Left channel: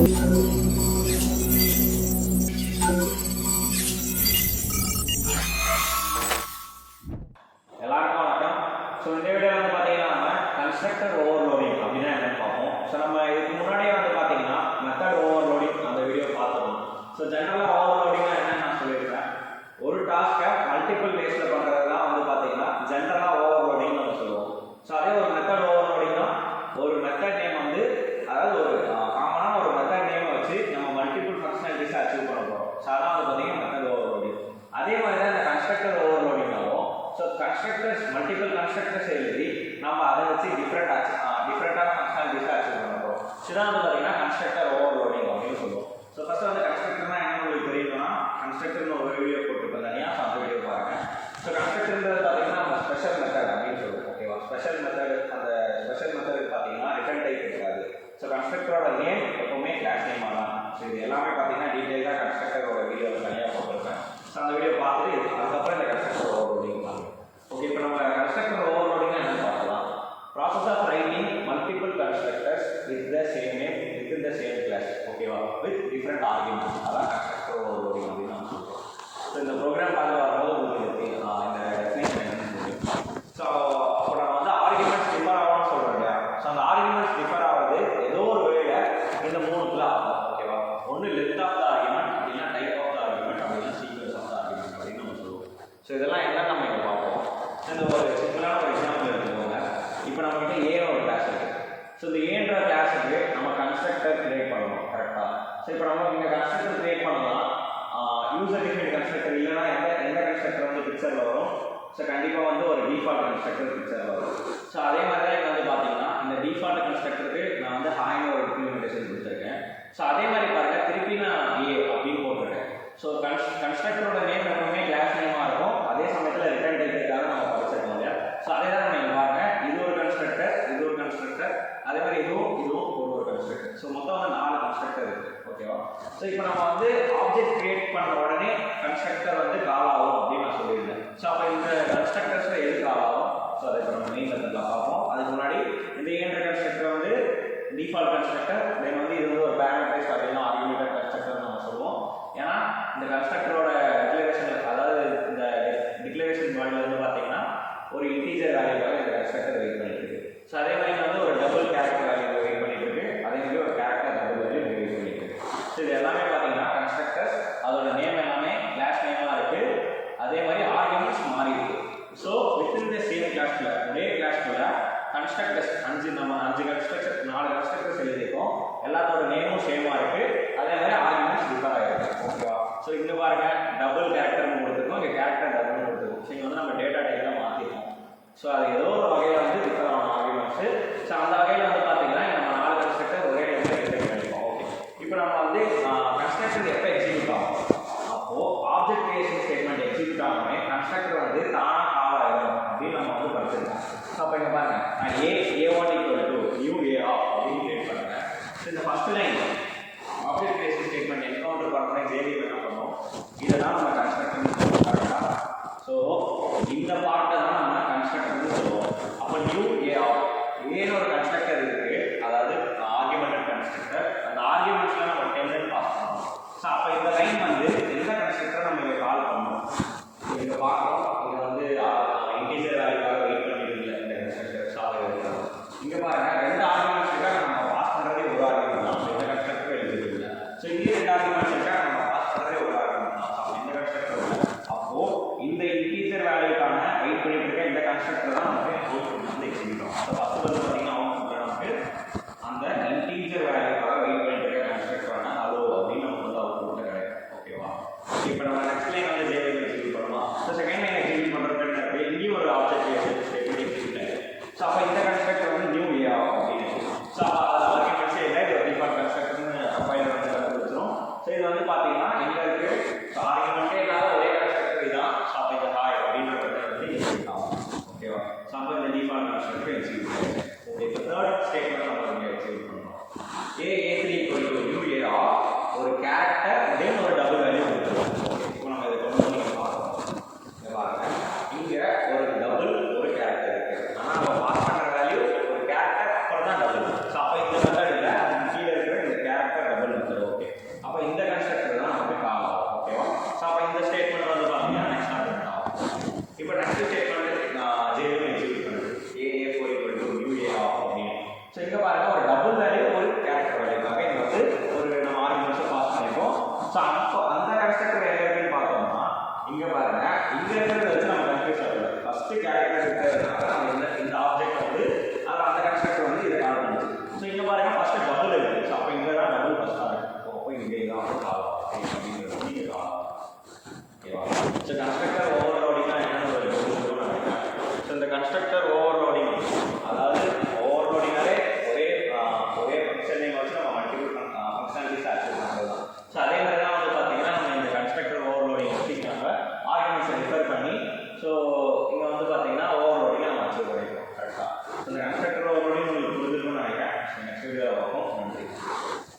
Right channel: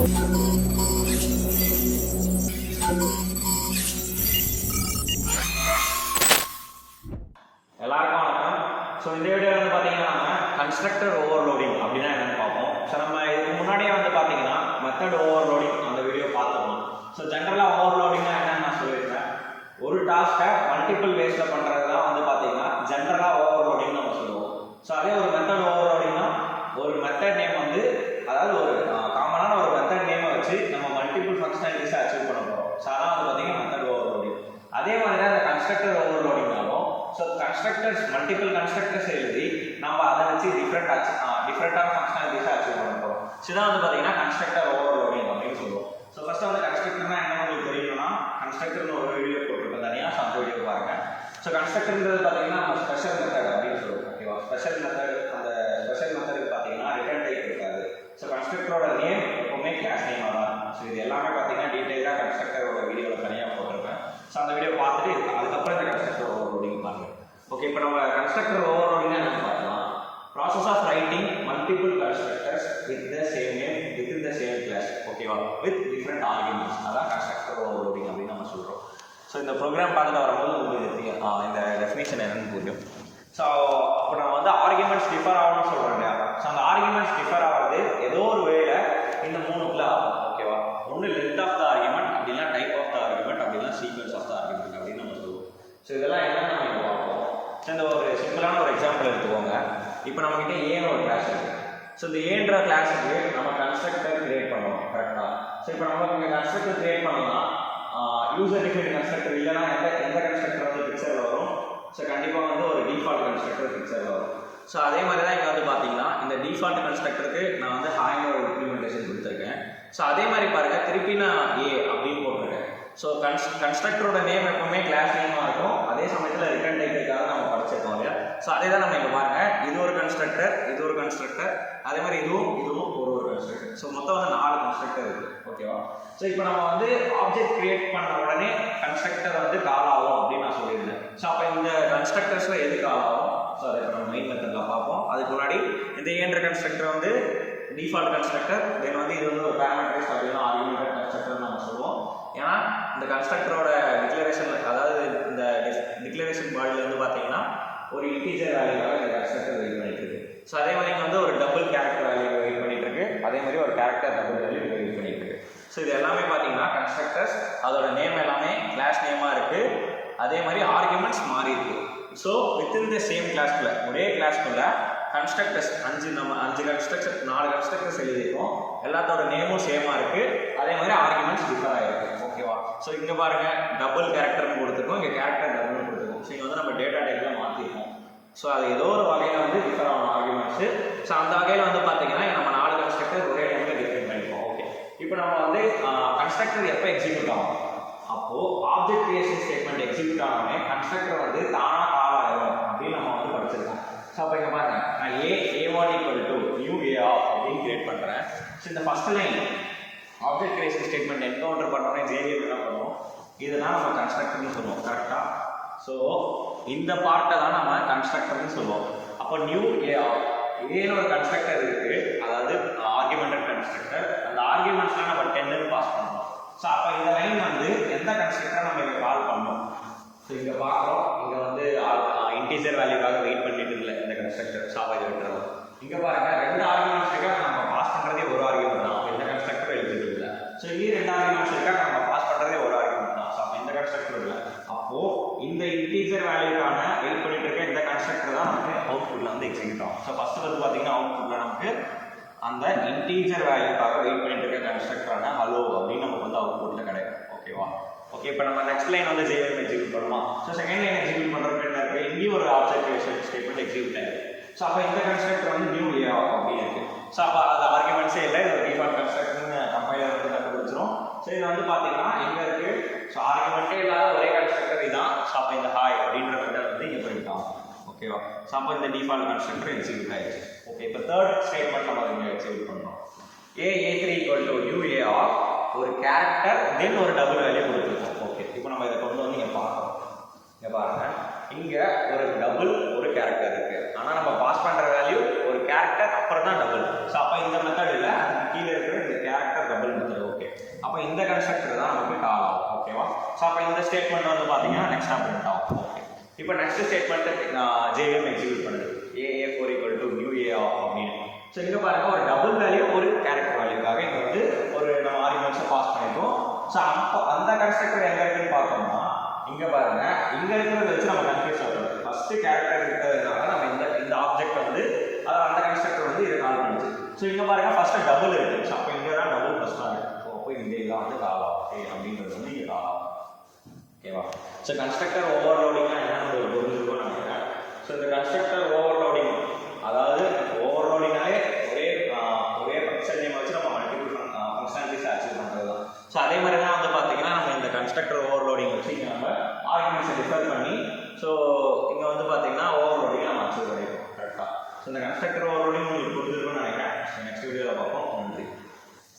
எல்லாருக்கும் வணக்கம். ஸோ இந்த வீடியோவில் வந்து பார்த்தீங்கன்னா நம்ம கன்ஸ்ட்ரக்டர் ஓவர்லோடிங் அப்படின்னா என்னென்னு பார்ப்போம். ஸோ நம்ம இதுக்கு முன்னாடியே வந்து பார்த்தீங்கன்னா மெத்தட் ஓவர்லோடிங் அந்த வீடியோ பார்த்துருவோம். ஸோ ஜென்ரலாக ஓவர்லோடிங்னா என்னன்னு நான் சொல்லியிருக்கேன். ஒரு டாஸ்க்கை மல்டிபிள் வேஸில் பண்ணுறது தான் வந்து பார்த்தீங்கன்னா ஜென்ரலாக ஓவர்லோடிங் நம்ம சொல்லுவோம். ஸோ அதே ஒரு மெத்தட் ஓவர்லோடிங்னா ஒரு மெத்தட் நேம் வந்து அதாவது ஒரு காமனான ஒரு மெத்தட் நேமை வச்சு நம்ம மல்டிபிள் ஃபங்க்ஷனாலிட்டிஸை அச்சீவ் பண்ண போகிறோம். ஸோ அதான் வந்து பார்த்தீங்கன்னா மெத்தட் ஓவர்லோடிங். அதே மாதிரி தான் இந்த கன்ஸ்ட்ரக்டர் ஓவர்லோடிங்னாலும் ஸோ கன்ஸ்ட்ரக்டர்ஸ் மல்டிபிள் கன்ஸ்ட்ரக்டர்ஸ் எழுதி நம்ம அதை வச்சு டிஃப்ரெண்டான ஃபங்க்ஷனாலிட்டிஸை அச்சீவ் பண்ண போகிறோம். ஸோ இதான் வந்து பார்த்தீங்கன்னா கன்ஸ்ட்ரக்டர் ஓவர்லோடிங் அப்படின்னு சொல்லுவோம். ஸோ ஃபர்ஸ்ட் வந்து கன்ஸ்ட்ரக்டர்னா என்ன உங்களுக்கு தெரியணும்னா கன்ஸ்ட்ரக்டர்னு ஒரு வீடியோ போட்டிருக்கோம் தனியாக. ஸோ அந்த வீடியோ பாருங்க. ஸோ கன்ஸ்ட்ரக்டர்ன்றது பார்த்தீங்கன்னா நம்ம ஸ்பெஷல் மெத்தட் அப்படின்னு சொல்லுவோம். ஓகேவா? ஸ்பெஷல் மெத்தட் அந்த ஸ்பெஷல் மெத்தடுக்கு பார்த்தீங்கன்னா ரிட்டர்ன் டைப் இருக்காது. ஸோ கன்ஸ்ட்ரக்டரோட நேம் எப்பவுமே கிளாஸ் நேம் தான். ஸோ இது எல்லாமே பார்த்தீங்கன்னா டீட்டெயிலாக கன்ஸ்ட்ரக்டரோட வீடியோ தனியாக போட்டிருக்கேன். ஸோ அந்த வீடியோ பார்த்துட்டு அதுக்கப்புறம் இந்த கன்ஸ்ட்ரக்டர் ஓவர்லோடிங் பாருங்க. ஓகே, இப்போ நம்ம கன்ஸ்ட்ரக்டர் ஓவர்லோடிங் என்ன பார்க்கலாம். Process of writing multiple constructors with the same name with the same class. ஓகேவா? With different arguments. அதான் கன்ஸ்ட்ரக்டர் ஓவர்லோடிங் அப்படின்னு நம்ம சொல்கிறோம். ஸோ இந்த ப்ரோக்ராம் பார்த்துட்டு வரும்போது உங்களுக்கு இந்த டெஃபினேஷன் என்னன்னு புரியும். ஸோ இப்போ நம்ம வந்து ஆர்குமெண்ட்ஸ் டிஃபர் ஆகணும்னு சொல்கிறோம் இல்லையா? ஸோ அந்த ஆர்குமெண்ட்ஸ் டிஃபர் ஆகிறது ஏதோ ஒரு வேல இந்த மூணுக்குள்ள ஆகும். ஓகேவா? ஒன்று லென்த் ஆஃப் த ஆர்குமெண்ட், அப்படின்னா டைப் ஆஃப் த ஆர்குமெண்ட், அப்படின்னா சீக்வன்ஸ் ஆஃப் த ஆர்குமெண்ட் அப்படின்னு நம்ம சொல்லுவோம். ஸோ இதெல்லாம் என்னன்னு நம்ம இங்கே பார்ப்போம். இந்த ஒரு சிம்பிளான ஒரு எக்ஸாம்பிள் எடுத்துக்கோங்க. இப்போ நம்மகிட்ட ஏன்னு ஒரு கிளாஸ் இருக்குது. ஸோ இந்த ஏன்ற கிளாஸுக்கு நம்ம கன்ஸ்ட்ரக்டர் கிரியேட் பண்ணணும். கரெக்டாக? ஸோ இப்போ நம்ம இங்கே கன்ஸ்ட்ரக்டர் கிரியேட் பண்ணலாம். யூசர் டிஃபைன்ட் கன்ஸ்ட்ரக்டர் இல்லைன்னா எந்த கன்ஸ்ட்ரக்டர் வந்து பிக்சரில் வரும். ஸோ கண்டிப்பாக வந்து ஒரு டிஃபால்ட் கன்ஸ்ட்ரக்டர் பிக்சரில் வரும். ஸோ அதே மாதிரி தான் இங்கே வந்து பார்த்தீங்கன்னா இந்த டிஃபால்ட் கன்ஸ்ட்ரக்டருக்கு நான் வந்து ஹாய்னு ஒரு இம்ப்ளிமெண்டேஷன் கொடுத்துருக்கேன். ஸோ அதே மாதிரி பாருங்கள், திருப்பி நான் ஏ அப்படின்னு போட்டிருக்கேன். ஸோ கன்ஸ்ட்ரக்டரோட நேம் எப்பவுமே கிளாஸ் நேமாக இருக்கும். அதே சமயத்தில் ரிட்டர்ன் டைப்புக்காக நம்ம படிச்சிருக்கோம் இல்லையா? ஸோ அதே தான் நம்ம இங்கே பாருங்க, இது ஒரு கன்ஸ்ட்ரக்டர், இது ஒரு கன்ஸ்ட்ரக்டர், அதே மாதிரி இதுவும் ஒரு கன்ஸ்ட்ரக்டர். ஸோ மொத்தம் வந்து 4 கன்ஸ்ட்ரக்டர் இருக்குது. ஓகேவா? ஸோ இப்போ நம்ம வந்து ஆப்ஜெக்ட் கிரியேட் பண்ண உடனே கன்ஸ்ட்ரக்டர் வந்து கால் ஆகும் அப்படின்னு நான் சொல்லியிருந்தேன். ஸோ அப்போ இந்த கன்ஸ்ட்ரக்டர்ஸில் எது கால் ஆகும்? ஸோ அதை இப்போ நம்ம மெயின் மெத்தடில் பார்ப்போம். அதுக்கு முன்னாடி இந்த ஏன்ற கன்ஸ்ட்ரக்டர் வந்து டிஃபால்ட் கன்ஸ்ட்ரக்டர், தென் வந்து இது வந்து ஒரு பேராமீட்டரைஸ்ட் அப்படின்னா ஆர்குமெண்டட் கன்ஸ்ட்ரக்டர் நம்ம சொல்லுவோம். ஏன்னா இந்த கன்ஸ்ட்ரக்டரோட டிக்ளரேஷன், அதாவது இந்த டிக்ளரேஷன் பாடியில் வந்து பார்த்தீங்கன்னா ஒரு இன்டீஜர் வேல்யூவாக இந்த கன்ஸ்ட்ரக்டர் வெயிட் பண்ணிட்டு இருக்கு. ஸோ அதே மாதிரி வந்து ஒரு டபுள் கேரக்டர் வேல்யூ வெயிட் பண்ணிட்டு இருக்கு. அதே மாதிரி ஒரு கேரக்டர் டபுள் வேல்யூ வெயிட் பண்ணிட்டு இருக்கு. ஸோ இது எல்லாமே பார்த்தீங்கன்னா கன்ஸ்ட்ரக்டர்ஸ், அதோட நேம் எல்லாமே கிளாஸ் நேமாக இருக்கு. அதே மாதிரி ஆர்குமெண்ட்ஸ் மாறி இருக்கு. ஸோ வித்தின் த சேம் கிளாஸ்ல ஒரே கிளாஸ்ல கன்ஸ்ட்ரக்டர்ஸ் 5 கன்ஸ்ட்ரக்டர் 4 கன்ஸ்ட்ரக்டர்ஸ் எழுதியிருக்கோம். எல்லாத்தோட நேமும் சேமாக இருக்கு. அதே மாதிரி ஆர்குமெண்ட்ஸ் டிஃபர் ஆகிருக்கு. ஓகேவா? ஸோ இங்கே பாருங்க, டபுள் கேரக்டர்னு கொடுத்துருக்கோம், இங்கே கேரக்டர் டபுள்னு கொடுத்துருக்கோம். ஸோ இங்கே வந்து நம்ம டேட்டா டைப்லாம் மாற்றிருக்கோம். ஸோ அது ஏதோ ஒரு வகையில் வந்து டிஃபர் ஆகும் ஆர்குமெண்ட்ஸு. ஸோ அந்த வகையில் வந்து பார்த்தீங்கன்னா நம்ம 4 கன்ஸ்ட்ரக்டர் ஒரே டைமில் டிஃபைன் பண்ணிப்போம். ஓகே, இப்போ நம்ம வந்து கன்ஸ்ட்ரக்டர் எப்போ எக்ஸிக்யூட் ஆகும்? அப்போது ஆப்ஜெக்ட் கிரியேஷன் ஸ்டேட்மெண்ட் எக்ஸிக்யூட் ஆகாமே கன்ஸ்ட்ரக்டர் வந்து தானாக கால் ஆகிடும் அப்படின்னு நம்ம வந்து படிச்சிருக்கோம். ஸோ அப்போ இங்கே பாருங்க, நான் A1 = நியூ A அப்படின்னு கிரியேட் பண்ணுறேன். ஸோ இந்த first line object creation statement encounter பண்ணோன்னே JVM என்ன பண்ணுவோம்? இதுதான் நம்ம கன்ஸ்ட்ரக்டர்னு சொல்லுவோம். கரெக்டாக? ஸோ இந்த பார்ட்டை தான் நம்ம கன்ஸ்ட்ரக்டர்னு சொல்லுவோம். அப்போ நியூ ஏன்னு ஒரு கன்ஸ்ட்ரக்டர் இருக்குது, அதாவது ஆர்குமெண்டட் கன்ஸ்ட்ரக்டர். அந்த ஆர்குமெண்ட்ஸில் நம்ம 10 பாஸ் பண்ணணும். ஸோ அப்போ இந்த லைன் வந்து எந்த கன்ஸ்ட்ரக்டர் நம்ம இங்கே கால் பண்ணணும்? இங்கே பார்க்குறோம், இங்கே வந்து இன்டீஜர் வேல்யூக்காக வெயிட் பண்ணிட்டு இல்லை இந்த கன்ஸ்ட்ரக்டர். சாவை இருக்கிறோம். இங்கே பாருங்க, 2 ஆர்குமெண்ட்ஸ் இருக்கா, நம்ம பாஸ் பண்ணுறதே ஒரு ஆர்குமெண்ட் தான். இந்த கன்ஸ்ட்ரக்டர் எழுதிருக்கு இல்லை. ஸோ இங்கே 2 ஆர்குமெண்ட்ஸ் இருக்கா, நம்ம பாஸ் பண்ணுறதே ஒரு ஆர்குமெண்ட் தான். ஸோ இந்த கன்ஸ்ட்ரக்டர் இல்லை. அப்போது இந்த இன்டீஜர் வேல்யூக்கான வெயிட் பண்ணிட்டு இருக்க இந்த கன்ஸ்ட்ரக்டர் தான் நமக்கு அவுட்புட் வந்து எக்ஸிக்யூட் ஆகும். ஸோ ஃபஸ்ட்டு வந்து பார்த்தீங்கன்னா அவுட்புட்டில் நமக்கு அந்த இன்டீஜர் வேல்யூக்காக வெயிட் பண்ணிட்டு இருக்க கன்ஸ்ட்ரக்டரான ஹலோ அப்படின்னு நமக்கு வந்து அவுட்புட்டில் கிடைக்கும். ஓகேவா? இப்போ நம்ம நெக்ஸ்ட் லைன் வந்து JVM எக்ஸிக்யூட் பண்ணுவோம். ஸோ செகண்ட் லைன் எக்ஸிக்யூட் பண்ணுறப்ப என்ன இருக்குது? இங்கேயும் ஒரு ஆப்ஜெக்ட் கிரியேஷன் ஸ்டேட்மெண்ட் எக்ஸிக்யூட் ஆகிருக்கு. ஸோ அப்போ இந்த கன்ஸ்ட்ரக்டர் வந்து நியூ A அப்படின்னு இருக்குது. ஸோ அப்போ அது ஆர்குமெண்ட்ஸே இல்லை, இது ஒரு டிஃபால்ட் கன்ஸ்ட்ரக்டர்னு கம்பைலர் வந்து கண்டுபிடிச்சிரும். ஸோ இது வந்து பார்த்தீங்கன்னா எங்கே இருக்குது? ஸோ ஆர்குமெண்ட்டே இல்லாத ஒரே கன்ஸ்ட்ரக்டர் இதுதான். ஸோ அப்போ இந்த ஹாய் அப்படின்ற வந்து எக்ஸிக்யூட் ஆகும். ஓகேவா? ஸோ அப்போ இந்த டிஃபால்ட் கன்ஸ்ட்ரக்டர் எக்ஸிக்யூட் ஆகிடுச்சு. ஓகே, இப்போ தேர்ட் ஸ்டேட்மெண்ட் நம்ம இங்கே எக்ஸிக்யூட் பண்ணுறோம். A3 = நியூ A ஒரு கேரக்டர் தென் ஒரு டபுள் வேல்யூ கொடுத்துருவோம். ஓகே, இப்போ நம்ம இதை கொண்டு வந்து இங்கே பார்க்கலாம். இங்கே பாருங்க, இங்கே ஒரு டபுள் ஒரு கேரக்டர் இருக்குது. ஆனால் நம்ம பாஸ் பண்ணுற வேல்யூ ஒரு கேரக்டர் அப்புறம் தான் டபுள். ஸோ அப்போ இந்த மெத்தட் இல்லை, அதுக்கு கீழே இருக்கிற இந்த கேரக்டர் டபுள் ஸோ அந்த கன்ஸ்ட்ரக்டர் எங்கே இருக்குன்னு பார்த்தோம்னா இங்கே பாருங்க, இங்கே இருக்கிறத வச்சு நம்ம கன்ஃபியூஸ் ஆகலாம். ஃபஸ்ட்டு கேரக்டர் இருக்கிறதுனால நம்ம இந்த ஆப்ஜெக்ட் வந்து அதாவது அந்த கன்ஸ்ட்ரக்டர் வந்து இதை கால் பண்ணுச்சு. ஸோ இங்கே பாருங்க ஃபஸ்ட்டு டபுள் இருக்குது. ஸோ அப்போ இங்கே தான் டபுள் ஃபஸ்ட்டாக இருக்குது. அப்போ இங்கே எல்லாம் வந்து காலம் அப்படின்றது வந்து இங்கே காலம். ஓகேவா? ஸோ கன்ஸ்ட்ரக்டர் ஓவர்லோடிங்னா என்ன ஒரு நினைக்கிறேன். ஸோ இந்த கன்ஸ்ட்ரக்டர் ஓவர்லோடிங் அதாவது ஓவர்லோடிங்னாலே ஒரே ஃபங்க்ஷன் நேம் வச்சு நம்ம மல்டிபிள் ஃபங்க்ஷனாலிட்டிஸ் ஆக்சஸ் பண்ணுறது தான். ஸோ அதே மாதிரி தான் வந்து பார்த்தீங்கன்னா நம்ம இந்த கன்ஸ்ட்ரக்டர் ஓவர்லோடிங் வச்சு நம்ம ஆர்குமெண்ட்ஸை ரிஃபர் பண்ணி ஸோ இங்கே வந்து பார்த்தீங்கன்னா ஓவர்லோடிங்கை நம்ம அச்சீவ் பண்ணிருக்கோம். கரெக்டாக? ஸோ இந்த கன்ஸ்ட்ரக்டர் ஓவர்லோடிங் உங்களுக்கு புரிஞ்சிருக்கும்னு நினைக்கிறேன். நெக்ஸ்ட் வீடியோவில் பார்ப்போம். நன்றி.